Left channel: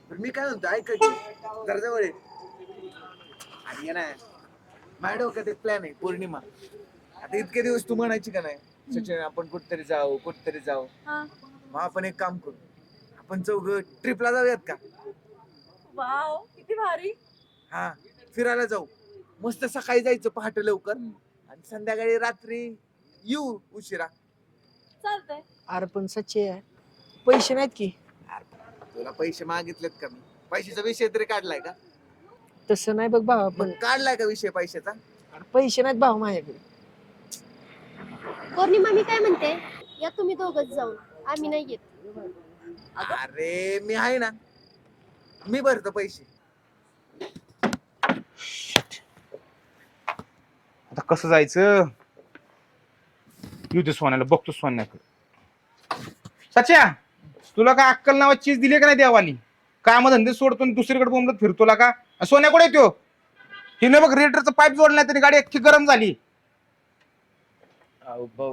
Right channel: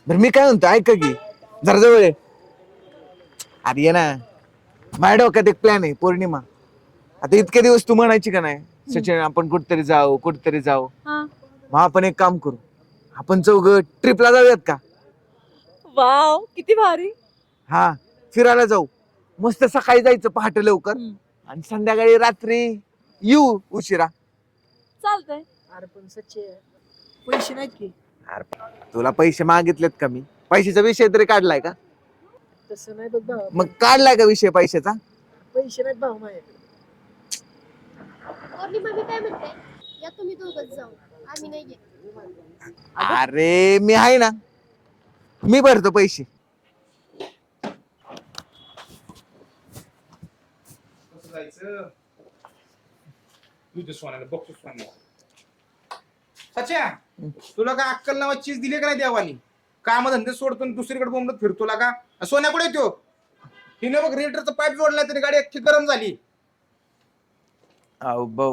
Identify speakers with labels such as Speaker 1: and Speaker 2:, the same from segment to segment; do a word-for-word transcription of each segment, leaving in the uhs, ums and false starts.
Speaker 1: बरं मी काय म्हणतो ऐक की जरा जवळ ये. अरे ये ना माझ्या डोक्यात एक प्लॅन आहे पौर्णिमा. आता इतके दिवस तू म्हणायची का नाही सचिन आपण कुठतरी जाऊ कुठतरी जाऊ.
Speaker 2: हा.
Speaker 1: मग आपण एक काम करू आपण चौघ ट्रिपला जाऊयात का?
Speaker 2: वाव किती भारी.
Speaker 1: हा फिरायला जाऊ. मस्त सकाळी जायचं पहाटे लवकर
Speaker 2: हम्म.
Speaker 1: आणि संध्याकाळी रात्री येऊ उशिरा.
Speaker 2: चालतंय.
Speaker 3: अरे पण सच्चे पैसे नाहीत की.
Speaker 1: अरे तुला पैसे मागितलेत का मी? पैशाचा विषय तरी काढलाय का?
Speaker 3: तसं नाही बघ भाऊ
Speaker 1: मग काढलाय का विषय पैशाचा?
Speaker 3: पैसे नाहीत भाऊ माझ्याकडे.
Speaker 4: पौर्णिमा मी काय म्हणते या तुम्ही दोघच जाऊन आम्ही नाही येत.
Speaker 1: अरे मी आहे ना मी भरतो पैसे.
Speaker 5: आता कसं जायचं येऊ दे सोन्याला बघतो सोन्यात. सच्या तुला काय अक्कल नावाची चीज दिली का नाही देवानी? काम धंदे सोडतो आणि दुसरीकडे बोंबलत फिरतोला का? सोन्या कुठे येतो? हिने बघ रेडिएटरचा पाईप जोडला तरी गाडी अख्खी गरम झाली.
Speaker 1: अहो भाऊ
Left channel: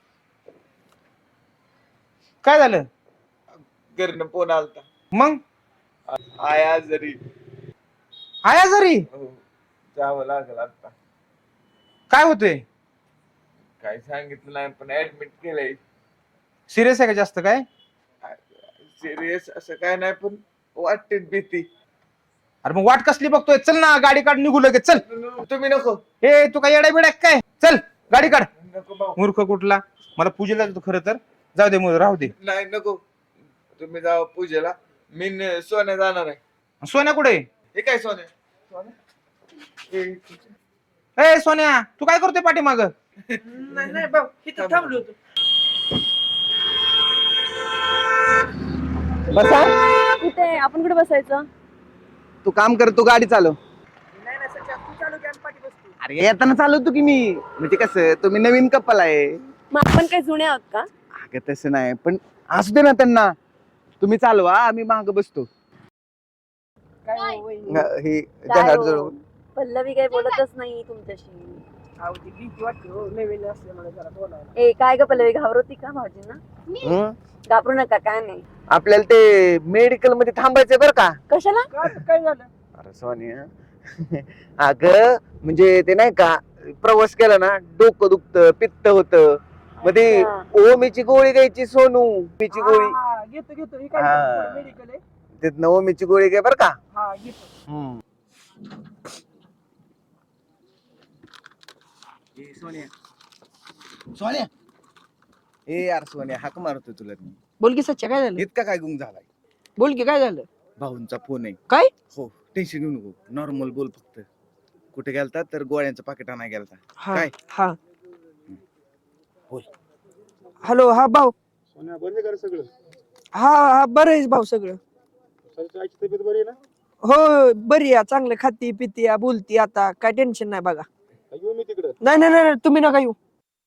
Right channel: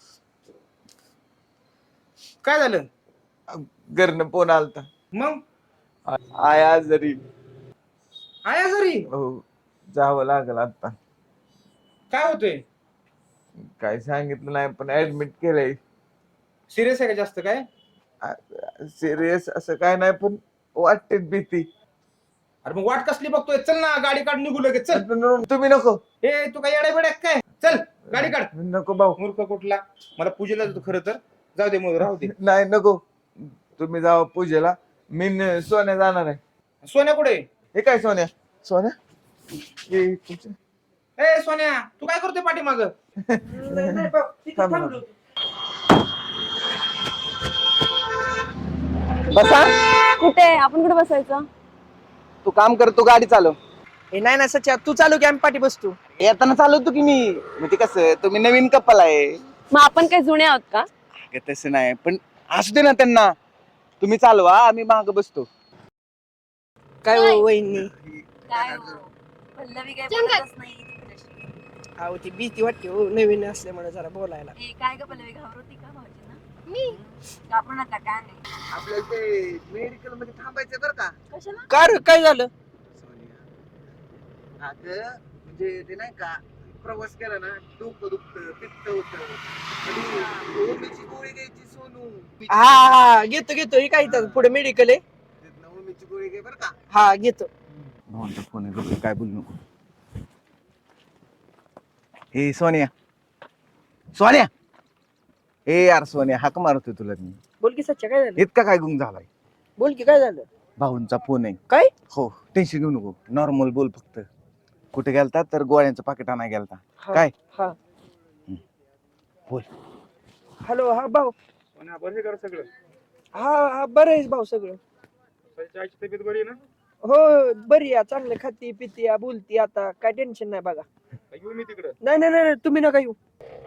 Speaker 5: काय झालं
Speaker 1: घरनं फोन आलता.
Speaker 5: मग?
Speaker 1: आया जरी
Speaker 5: आया जरी
Speaker 1: हो जावं लागल आता.
Speaker 5: काय होतंय?
Speaker 1: काय सांगितलं नाही पण ऍडमिट केलंय.
Speaker 5: सिरियस आहे का जास्त काय?
Speaker 1: सिरियस असं काय नाही पण वाटते भीती.
Speaker 5: अरे मग वाट कसली बघतोय? चल ना गाडी काढ निघू लगेच चल.
Speaker 1: तुम्ही नको.
Speaker 5: ए तू काय येडा बिडा काय? चल गाडी काढ.
Speaker 1: नको भाऊ.
Speaker 5: मूर्ख कुठला. मला पूजेला जातो खरं तर. जाऊ दे मग राहू दे.
Speaker 1: नाही नको तुम्ही जावा पूजेला. मी न- सोन्या जाणार आहे.
Speaker 5: सोन्या कुठे?
Speaker 1: हे काय सोन्या? सोन्या हे तुझं-
Speaker 5: ए सोन्या तू काय करतोय पाठीमाग?
Speaker 3: नाही नाही भाऊ इथं थांबलो होतो.
Speaker 1: बसा.
Speaker 2: कुठे आपण कुठे बसायचं?
Speaker 1: तू काम कर तू गाडी चालव.
Speaker 3: हे नाही ना सच्चा तू चालू की आम्ही पाठी बसतो.
Speaker 1: अरे येताना चालवतो की मी. म्हणजे कसं तुम्ही नवीन कपल आहे.
Speaker 2: मग आपण काही जुने आहोत का?
Speaker 1: अगं तसं नाही पण असू दे ना त्यांना. तुम्ही चालवा आम्ही माग बसतो.
Speaker 3: काय
Speaker 4: काय?
Speaker 3: हो वहिनी
Speaker 1: हे
Speaker 2: काय
Speaker 1: जहाज
Speaker 2: हो?
Speaker 1: जवळ.
Speaker 2: पल्लवी काही
Speaker 4: चल
Speaker 2: बोलतच नाही तुमच्याशी.
Speaker 3: अहो ती भीती वाटते हो नवीन असल्यामुळे जरा बोलायला.
Speaker 2: ए काय ग पल्लवी घाबरवती का भाऊजींना?
Speaker 4: मी
Speaker 1: हं?
Speaker 2: घाबरू नका काय नाही.
Speaker 1: आपल्याला ते मेडिकल मध्ये थांबायचंय बरं का?
Speaker 2: कशाला?
Speaker 3: का रे, काय झालं?
Speaker 1: अरे सोनिया अगं म्हणजे ते नाही का प्रवास केला ना डोकं दुखतं पित्त होतं. मग ते ओमीची गोळी घ्यायची सोनू. ओमीची
Speaker 3: हा
Speaker 1: गोळी-
Speaker 3: हा घेतो घेतो. ही काय इथं
Speaker 1: हा.
Speaker 3: पुढे मेडिकल आहे.
Speaker 1: तिथनं ओमीची गोळी घे बरं का?
Speaker 3: हा घेतो.
Speaker 1: फोन काय बोलू नको. हे सोनिया सोनिया ए यार सोनिया हाक मारतोय तुला मी.
Speaker 3: बोल की सच्चा काय झालं?
Speaker 1: इतका काय गुंग झालाय?
Speaker 3: बोल की काय झालं?
Speaker 1: भाऊंचा फोन आहे.
Speaker 3: काय?
Speaker 1: हो टेन्शन घेऊ नको नॉर्मल बोल फक्त. कुठे गेलता तर गोळ्यांचं पाकिट आणाय गेलता.
Speaker 3: हा,
Speaker 1: काय?
Speaker 3: हा
Speaker 1: बोल.
Speaker 3: हॅलो हा भाऊ.
Speaker 5: सोन्या बरं कर सगळं.
Speaker 3: हा हा बरं आहे भाऊ सगळं.
Speaker 5: सच्याची आईची तब्येत बरी आहे ना?
Speaker 3: हो बरी आहे चांगलं खाती पिती या बोलती आता काय टेन्शन नाही बघा.
Speaker 5: काय येऊ मी तिकडं?
Speaker 3: नाही नाही नाही तुम्ही नका येऊ.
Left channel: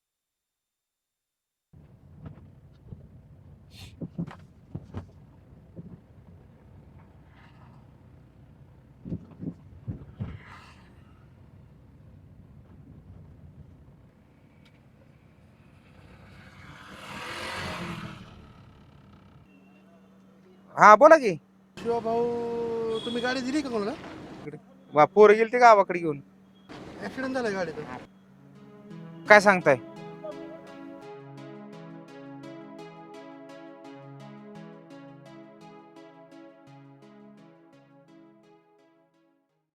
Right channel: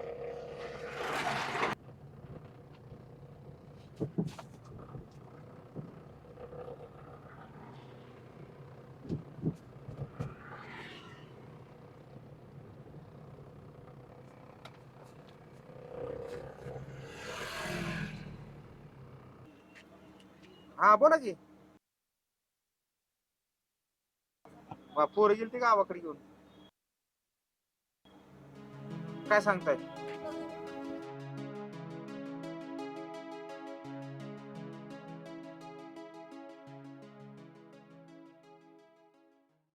Speaker 5: हा बोला की.
Speaker 6: शिवा भाऊ तुम्ही गाडी दिली का कोणाला?
Speaker 5: वा पोरं गेली ते गावाकडे घेऊन.
Speaker 6: ऍक्सिडेंट झालाय गाडीचा.
Speaker 5: काय सांगताय?